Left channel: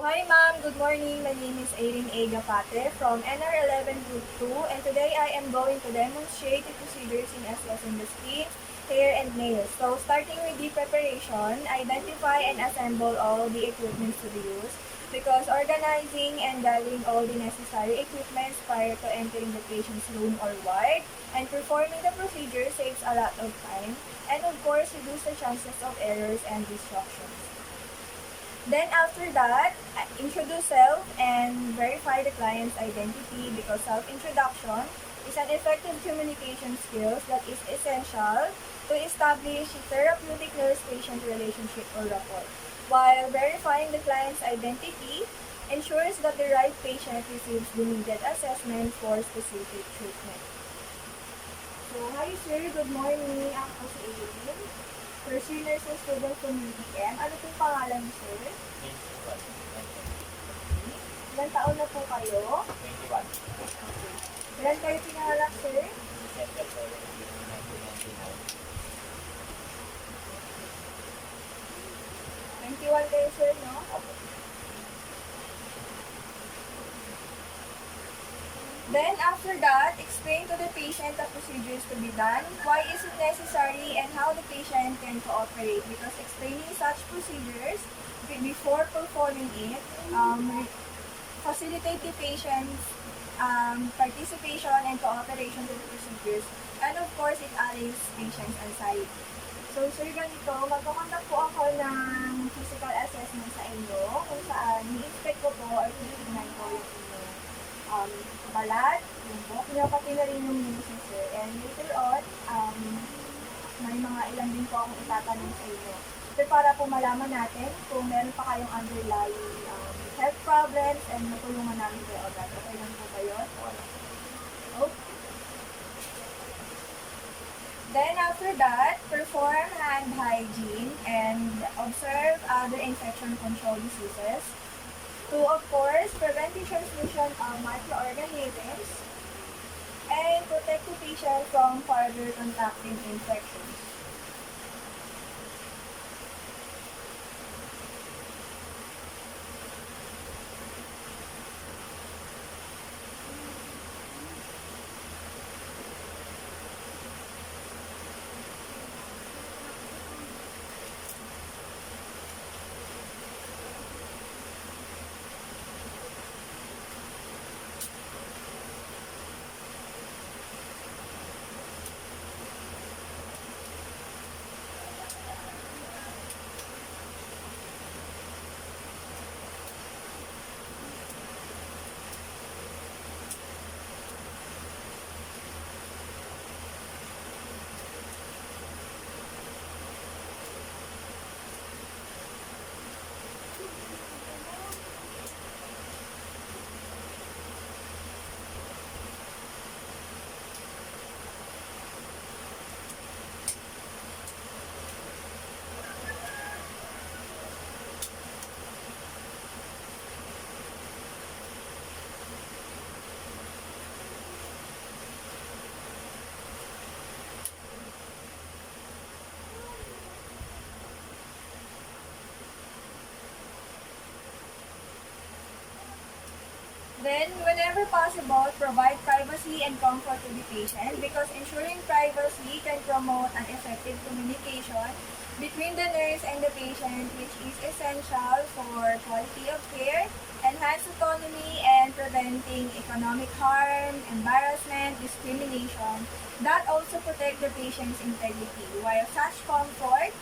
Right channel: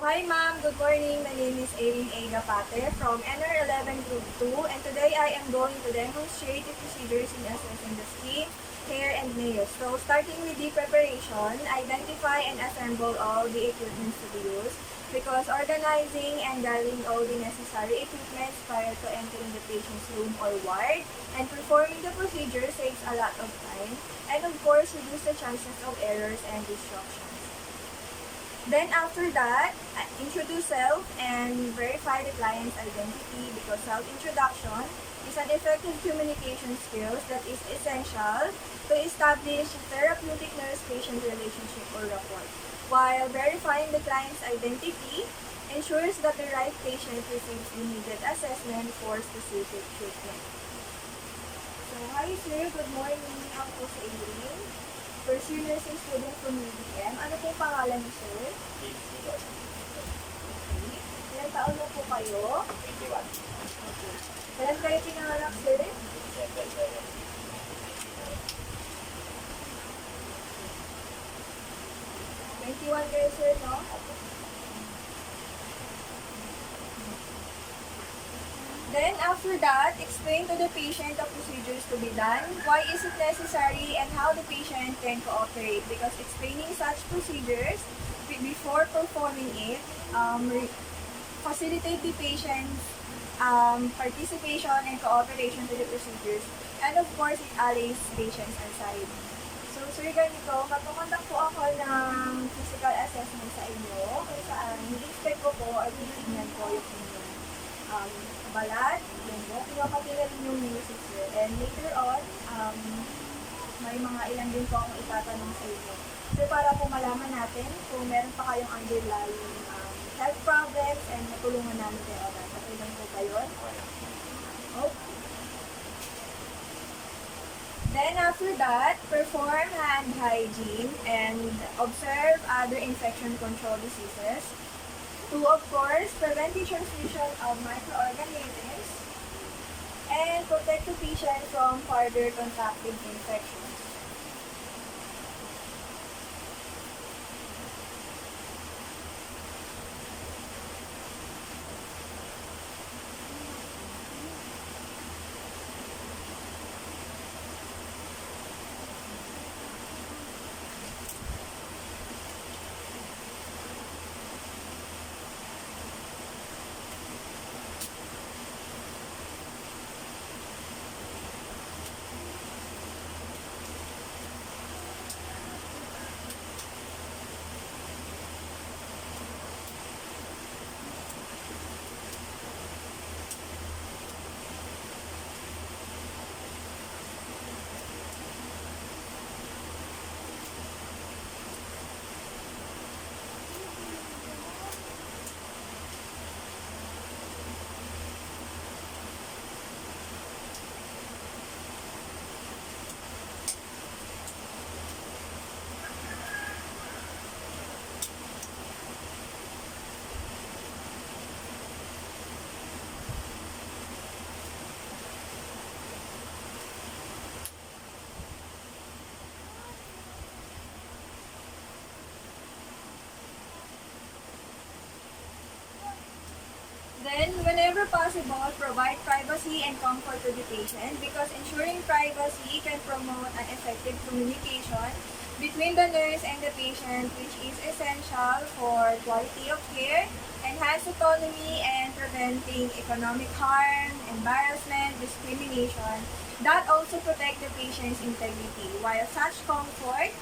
Hi ma'am, good morning. My name is Erin A. Gapate from NR11 Group 2, and today I am going to demonstrate the procedures in assessing the skin, hair, and nails. So starting with the preparation, identify and assemble all the equipment to be used because organizing and gathering all the necessary equipment prior to entering the patient's room or ward and performing the procedure saves a lot of time and of course reduce the chances of errors and disruptions. Then after that, introduce self and verify the client's identity because self-introduction is an effective communication skills that is essential to establish a therapeutic nurse-patient relationship or rapport. While verifying the client's identity ensures that the right patient receives the needed assessment for specific treatment. So, hi sir, good morning. Ako si Aileen. First year nursing student from UDM. Ano pong pangalan niyo, sir? Okay. Ilan taon na po kayo? 21. Okay. Kailan kayo pinanganak, sir? December 17, 21 kayo, sir, no? Then, after that, explain to the patient the procedures to be done, why is it necessary, and how the patient can cooperate. Because explaining such procedures before performing it facilitate the patient's participation and cooperation to the procedures. And of course, it allays patient's anxiety. So, sir, ganito, magpakontak po ako ng physical assessment sa inyo kung saan i-inspect ko po or titignan ko yung inyong balat, yung po, pinapati na rin yung noses, sir. And later on, may mga ilan din po akong itatanong sa inyo. Sir, para po malaman natin kung meron pa kayong underlying health problems and matulungan namin kayo agad. Okay lang po ba yun? Okay. Then after that, perform hand hygiene and observe other infection control diseases to, of course, prevent the transmission of microorganisms and protect the patient from further contacting infections. Then, whenever possible, provide privacy and comfort to the patient because ensuring privacy can promote an effective communication between the nurse and the patient, which is essential for quality of care, enhanced autonomy, and preventing economic harm, embarrassment, discrimination that also protect the patient's integrity. While such comfort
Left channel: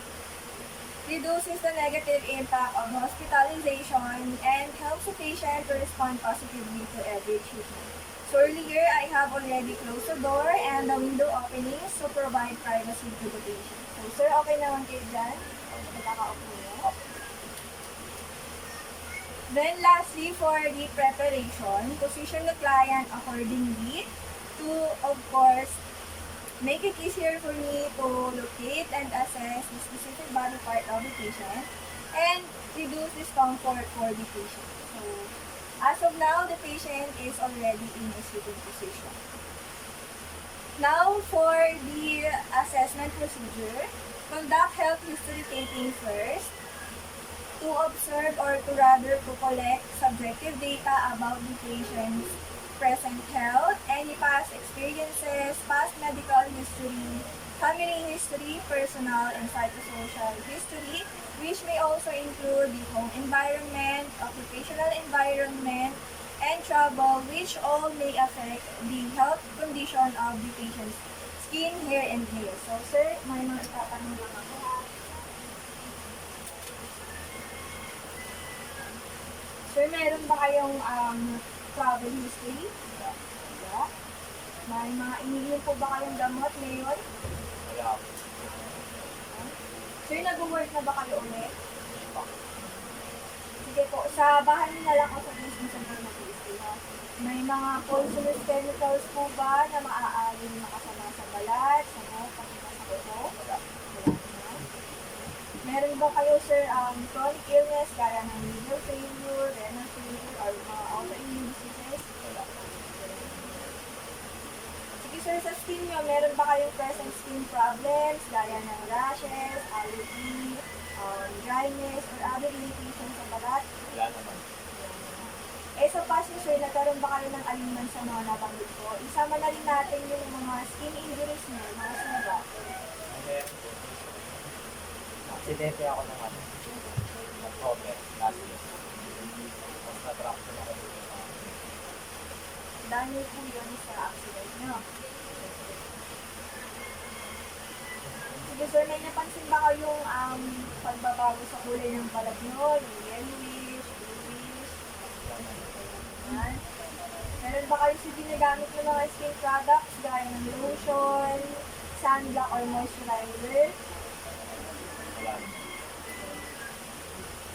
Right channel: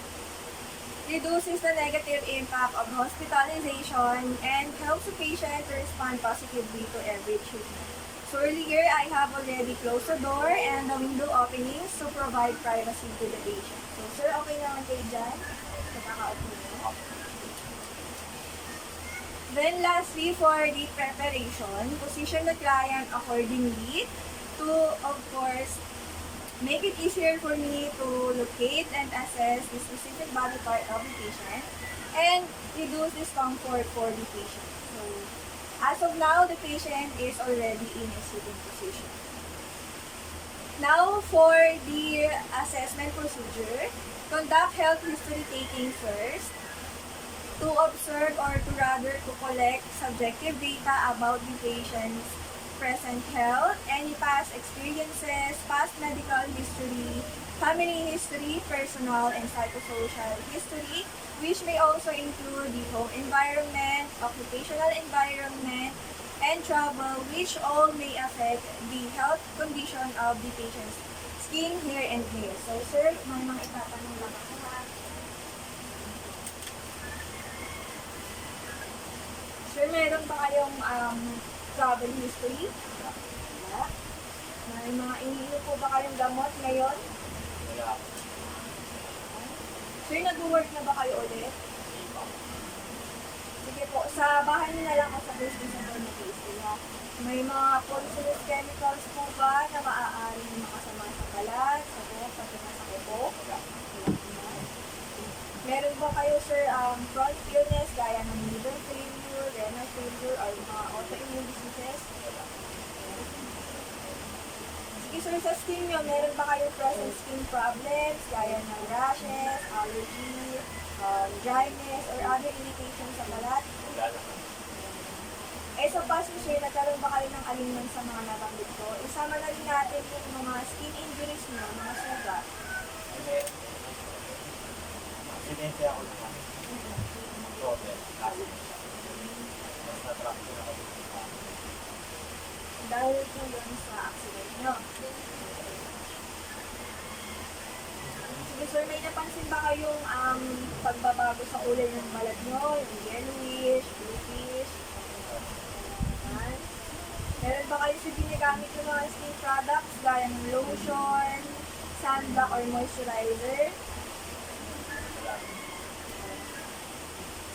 reduces the negative impact of hospitalization and helps the patient to respond positively to every treatment. So earlier, I have already closed the door and the window openings to provide privacy to the patient. So sir, okay naman kayo dyan? Nakakaupo niyo. Then lastly, for the preparation, position the client accordingly to, of course, make it easier for me to locate and assess the specific body part of the patient and reduce discomfort for the patient. So, as of now, the patient is already in a sitting position. Now, for the assessment procedure, conduct health history taking first. to observe or to rather to collect subjective data about the patient's present health, any past experiences, past medical history, family history, personal and psychosocial history, which may also include the home environment, occupational environment, and travel, which all may affect the health condition of the patient's skin, hair, and nails. So, sir, may mga itatanong lang ako ha. Sir, meron ba kayong travel history? Wala. May mga iniinom po ba kayong gamot ngayon? Wala. Sir, nag-work na ba kayo ulit? Sige po, sa bahay niyo na lang ako sa business center mag-i-stay ha. May mga poisonous chemicals po ba na maaaring makasama sa balat, sa neck, pati na sa kuko? Wala. Wala naman. Meron ba kayo, sir, chronic illness gaya ng liver failure, renal failure, or mga autoimmune diseases? Wala. Sige, sir, sa skin nyo, meron ba kayong present skin problems gaya ng rashes, allergy, dryness, or other irritation sa balat? Wala naman. Eh, sa past nyo, sir, nagkaroon ba kayo ng alinman sa mga nabanggit ko? Isama na rin natin yung mga skin injuries nyo, mga sugat. Hindi. Aksidente ako ng ano. October, last year. Mas na-drop ko na kami. Dahil po yun sa accident nyo. Sige, sir, may napansin ba kayong pagbabago sa kulay ng balat nyo? Yung yellowish, bluish? Yan. Meron ba kayo si ginagamit yung mga skin products gaya ng lotion, sunblock, or moisturizer? Wala naman.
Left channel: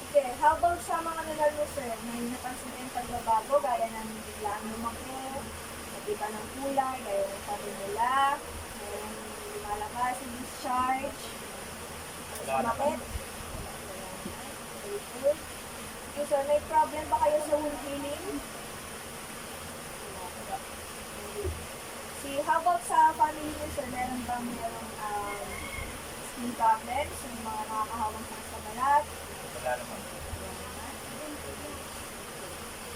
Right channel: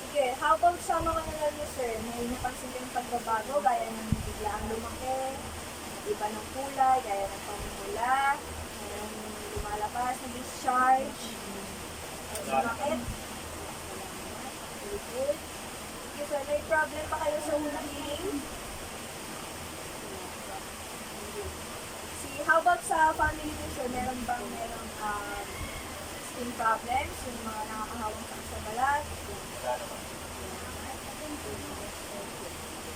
Sige, how about sa mga nanal nyo, sir? May napansin kayong pagbabago gaya ng biglang lumaki, iba ng kulay, gaya ng panimula, mayroong lumalabas na discharge, sumakit? Very good. Okay, sir, may problem ba kayo sa wound healing? How about sa family niyo, sir? Meron skin problems, yung mga nakakahawang sakit sa balat? Wala naman.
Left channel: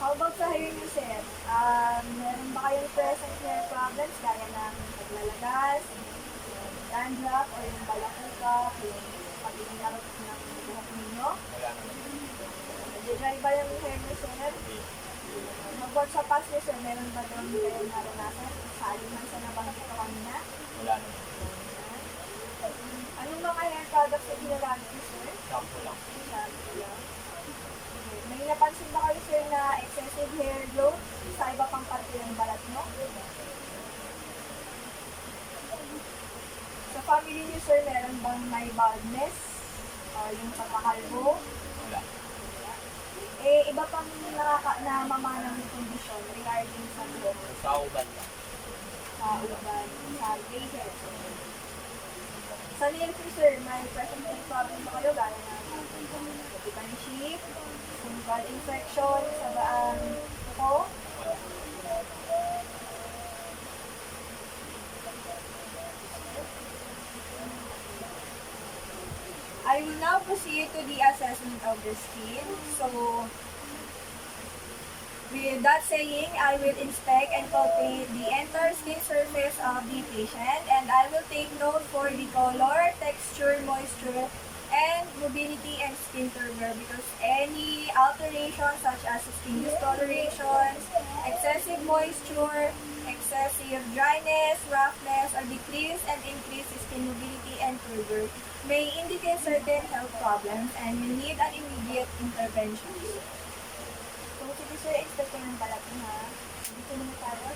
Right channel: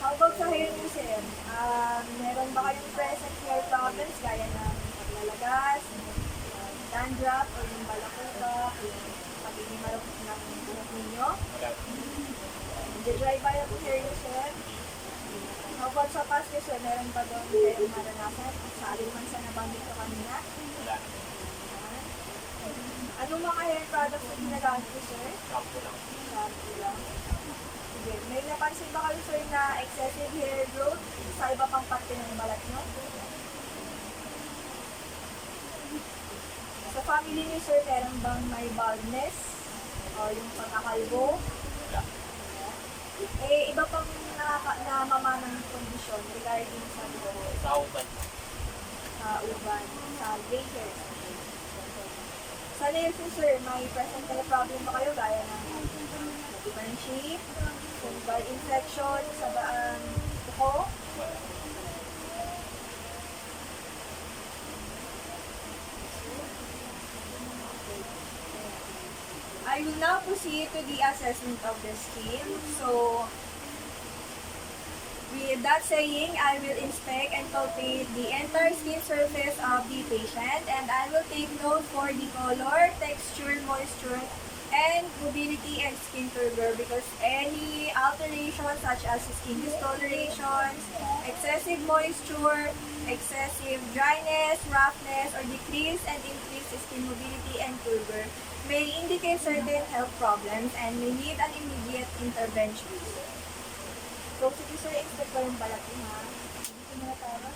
How about sa hair niyo, sir? Meron ba kayong present hair problems gaya ng paglalagas, dandruff, or yung balakubak, yung pagiging marupok ng buhok ninyo? Wala naman. Nag-dry ba yung hair niyo, sir? How about sa past niyo, sir? Meron ba doon kayong naranasan? Sa aliman sa nabanggit ko kanina? Wala naman. Anong mga hair products na ginagamit niyo, sir? Shampoo lang. Shampoo lang. Sige. May napansin ba kayo, sir, na excessive hair growth sa iba pang parte ng balat nyo? Sa family niyo, sir, meron bang may baldness? O yung pagkakalbo? Wala. Eh, iba pang namamanang kondisyon regarding sa buhok, Sa utan lang. sa uban, sa gray hair. Sa nails niyo, sir, may present hair problem ba kayo gaya ng nag-ibang shape, fungal infection sa baang kuko? Wala. I will now proceed to the assessment of the skin. So, with that saying, I will inspect and palpate the entire skin surface of the patient, and I will take note for the color, texture, moisture, and mobility and skin turgor, because any alteration such as skin discolorations, excessive moisture, excessive dryness, roughness, or decrease and increase skin mobility and turgor may indicate certain health problems and may need an immediate intervention. So, sige, sir, inspect ko yung balat niyo, ha? Dito muna tayo.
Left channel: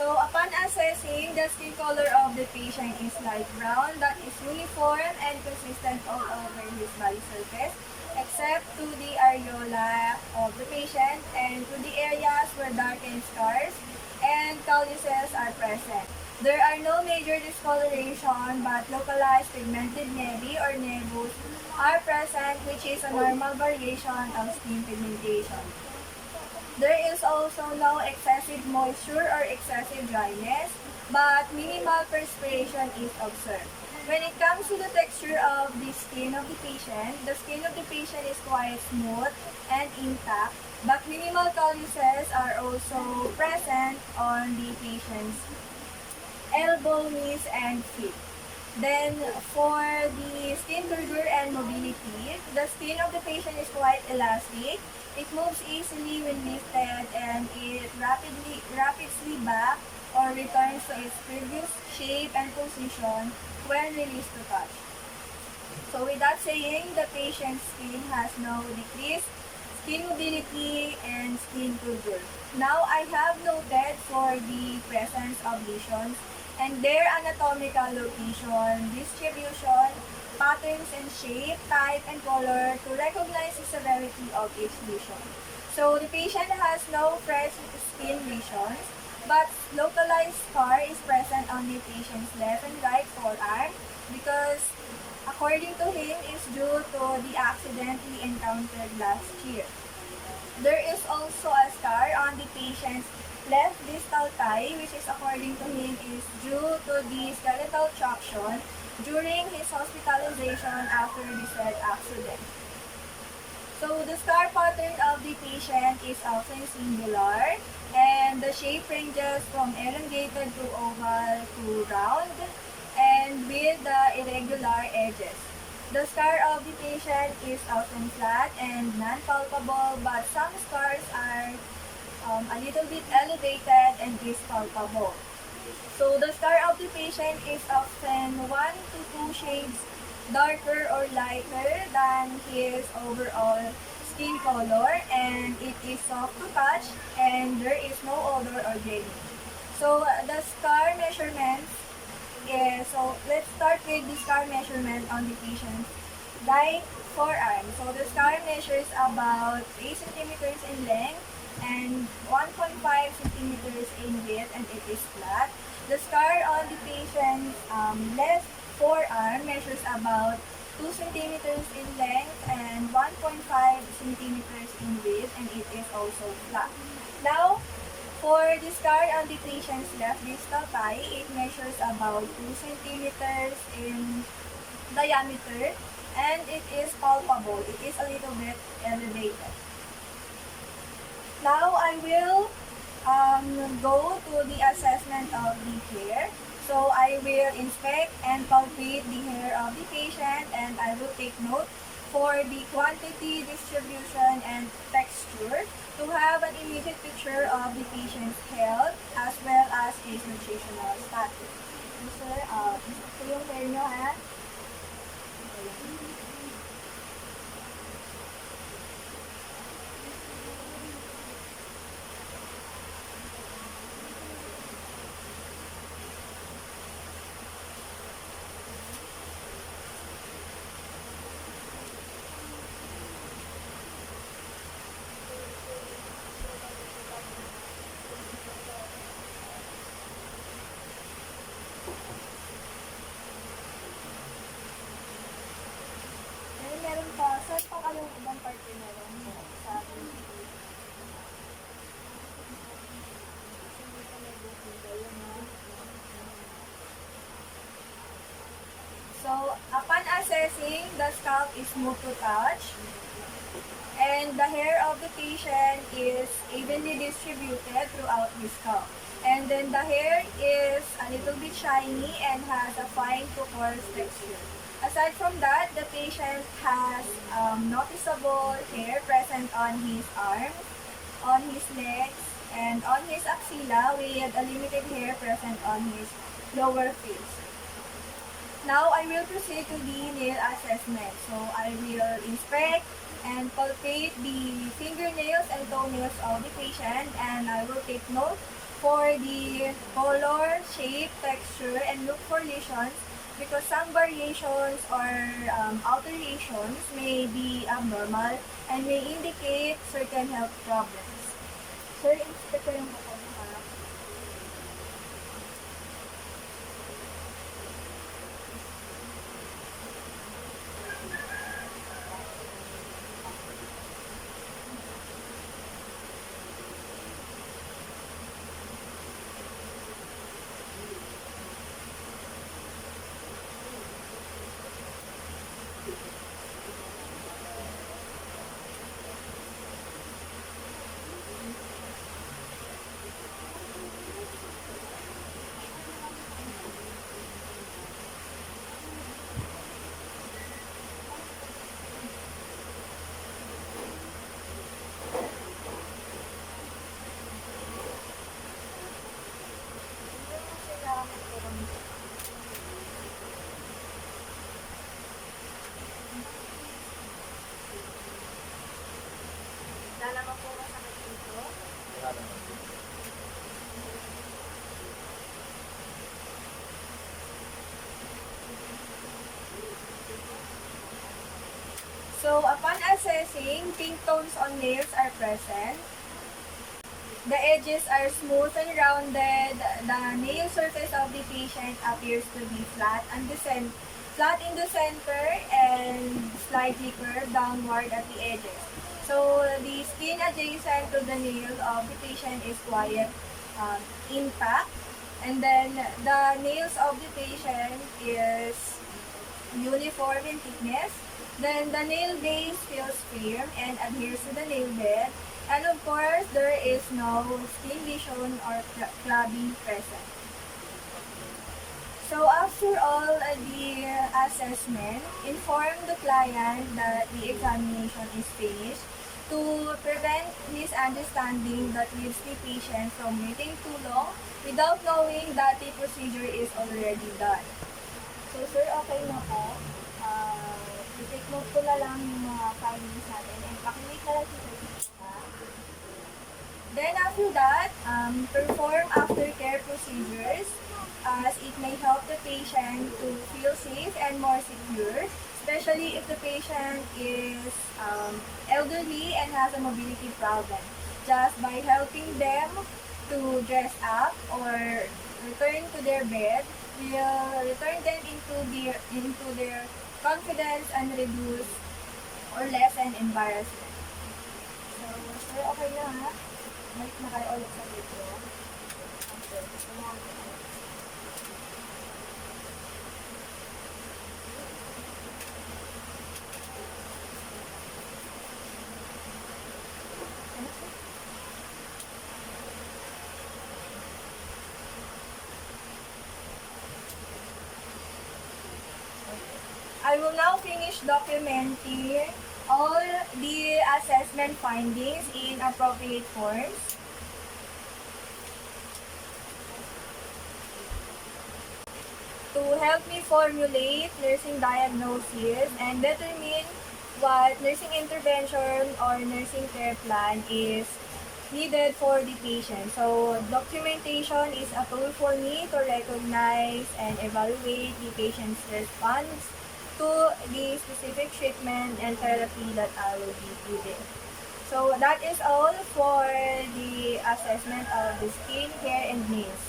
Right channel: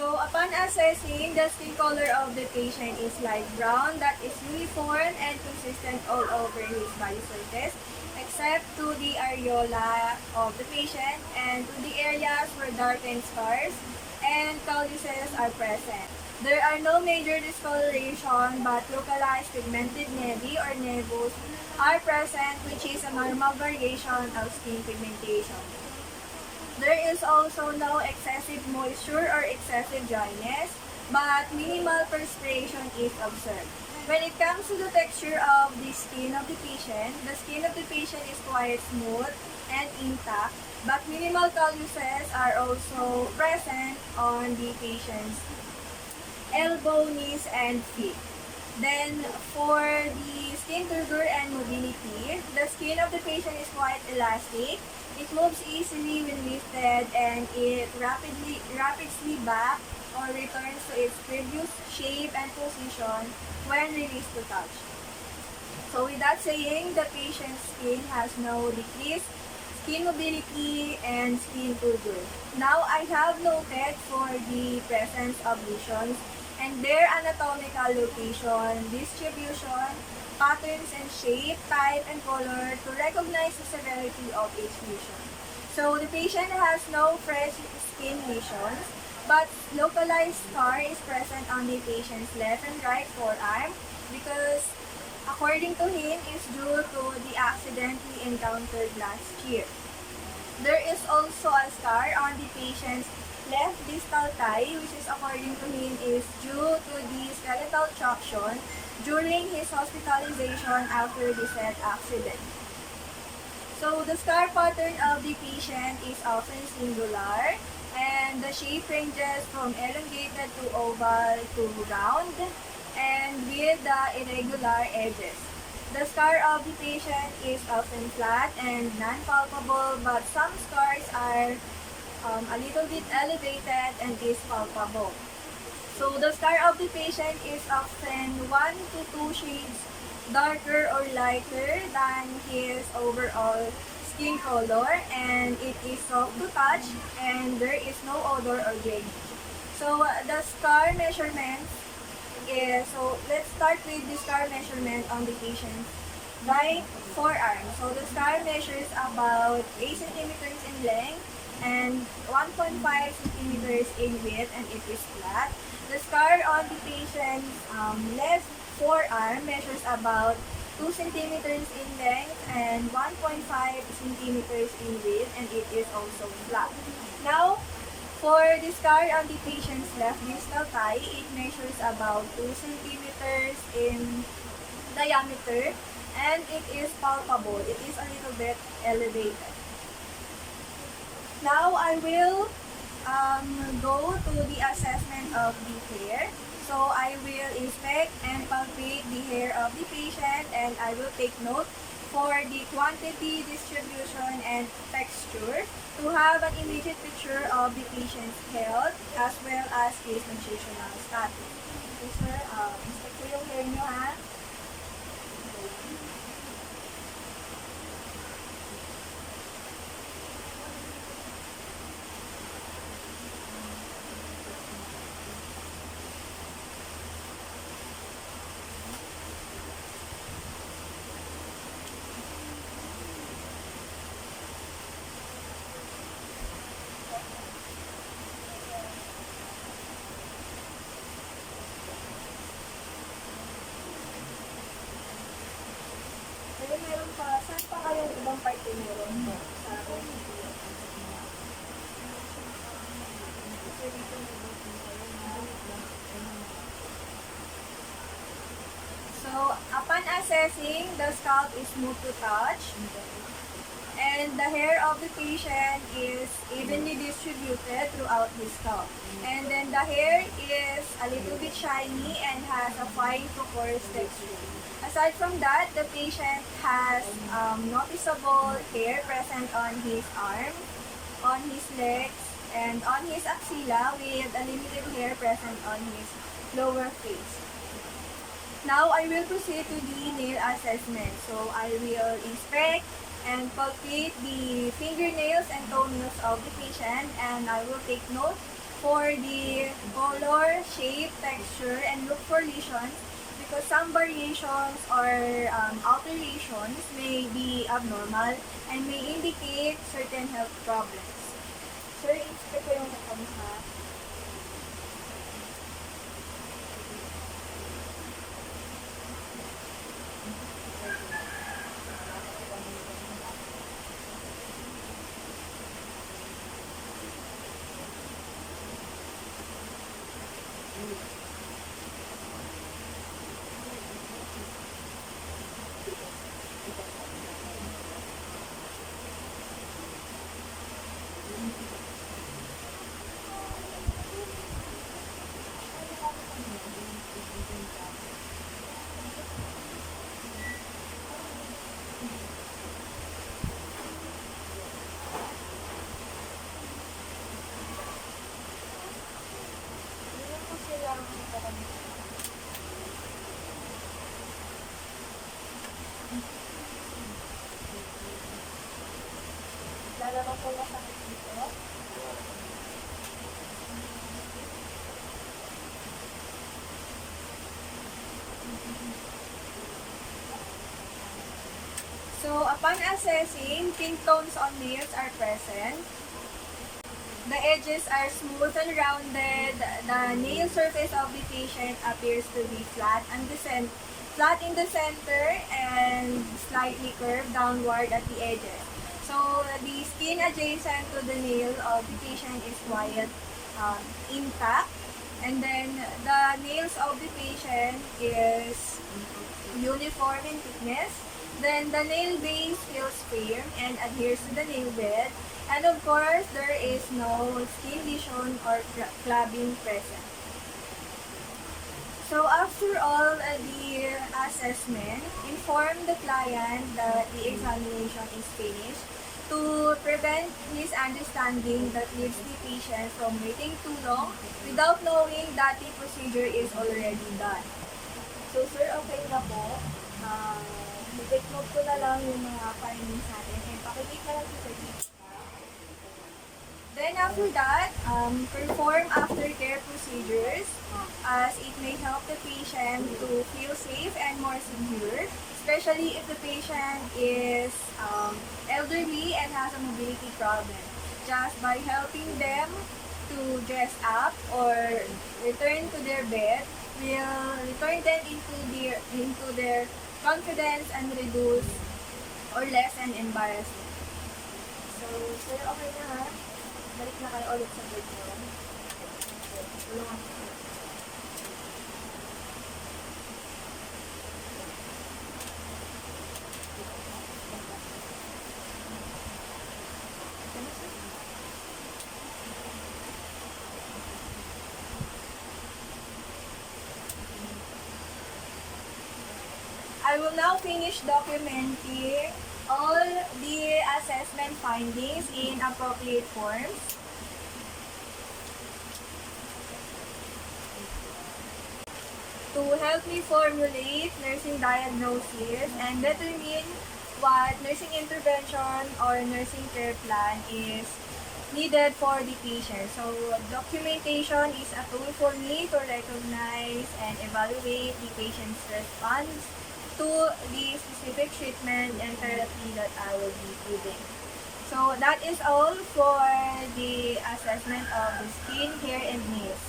So upon assessing, the skin color of the patient is light brown that is uniform and consistent all over his body surface except to the areola of the patient and to the areas where darkened scars and calluses are present. There are no major discoloration but localized pigmented nevi or nevus are present, which is a normal variation of skin pigmentation. There is also no excessive moisture or excessive dryness, but minimal perspiration is observed. When it comes to the texture of the skin of the skin of the patient is quite smooth and intact, but minimal calluses are also present on the patient's elbow, knees, and feet. Then, for the skin turgor and mobility, the skin of the patient is quite elastic. It moves easily when lifted and it rapidly back or returns to its previous shape and position when released to touch. So with that saying, the patient's skin has no decreased skin mobility and skin turgor. Now I have noted for the presence of lesions and their anatomical location, distribution, patterns and shape, type, and color to recognize the severity of each lesion. So the patient has no fresh skin lesions, but localized scar is present on the patient's left and right forearm because according to him is due to the accident he encountered last year. There is also a scar on the patient's left distal thigh, which is according to him is due to the skeletal traction during his hospitalization after the said accident. So the scar pattern of the patient is often singular and the shape ranges from elongated to oval to round and with the irregular edges. The scar of the patient is often flat and non-palpable, but some scars are a little bit elevated and is palpable. So the scar of the patient is often 1 to 2 shades darker or lighter than his overall skin color, and it is soft to touch and there is no odor or drainage. So the scar measurement is, so let's start with the scar measurement on the patient's right forearm. So the scar measures about 8 centimeters in length and 1.5 centimeters in width, and it is flat. The scar on the patient's left forearm measures about 2 centimeters in length and 1.5 centimeters in width, and it is also flat. Now, for the scar on the patient's left distal thigh, it measures about 2 centimeters in diameter, and it is palpable. It is a little bit elevated. Now, I will go to the assessment of the hair. So I will inspect and palpate the hair of the patient, and I will take note for the quantity, distribution, and texture to have an immediate picture of the patient's health as well as his nutritional status. So, sir, inspect ko yung hair nyo, ha? Meron pa, saan pa kayong ibang parte meron mo sa akin? So, upon assessing, the scalp is smooth to touch, and the hair of the patient is evenly distributed throughout his scalp. And then the hair is a little bit shiny and has a fine to coarse texture. Aside from that, the patient has noticeable hair present on his arm, on his legs, and on his axilla with a limited hair present on his lower face. Now, I will proceed to the nail assessment. So, I will inspect and palpate the fingernails and toenails of the patient, and I will take note for the color, shape, texture, and look for lesions because some variations or alterations may be abnormal and may indicate certain health problems. Sir, inspect ko yung mata mo, ha? Hindi ko sila lalabang po masakit dito. Wala naman. So, upon assessing, pink tones on nails are present. The edges are smooth and rounded. The nail surface of the patient appears to be flat and flat in the center and slightly curved downward at the edges. So, the skin adjacent to the nail of the patient is quite intact. And then, the nails of the patient is uniform in thickness. Then the nail base feels firm and adheres to the nail bed. And of course, there is no skin lesion or clubbing present. So after all the assessment, inform the client that the examination is finished to prevent misunderstanding that leaves the patient from waiting too long without knowing that the procedure is already done. So sir, okay na po. I-take note ko na lang yung mga findings natin and pakilate na lang si Sir Jessica. Then after that, perform aftercare procedures as it may help the patient to feel safe and more secure, especially if the patient is elderly and has a mobility problem. Just by helping them to dress up or return to their bed, will return them into their confidence and reduce or lessen embarrassment. So, sir, okay na ha? Balik na kayo ulit sa video. Okay, tulungan ko kayo. Ano, sir? I will now finish documenting all the assessment findings in appropriate forms. To help me formulate nursing diagnosis and determine what nursing intervention or nursing care plan is needed for the patient. So, documentation is a tool for me to recognize and evaluate the patient's response to the specific treatment and therapy that I will be giving. So, that is all for the assessment of the skin, hair, and nails.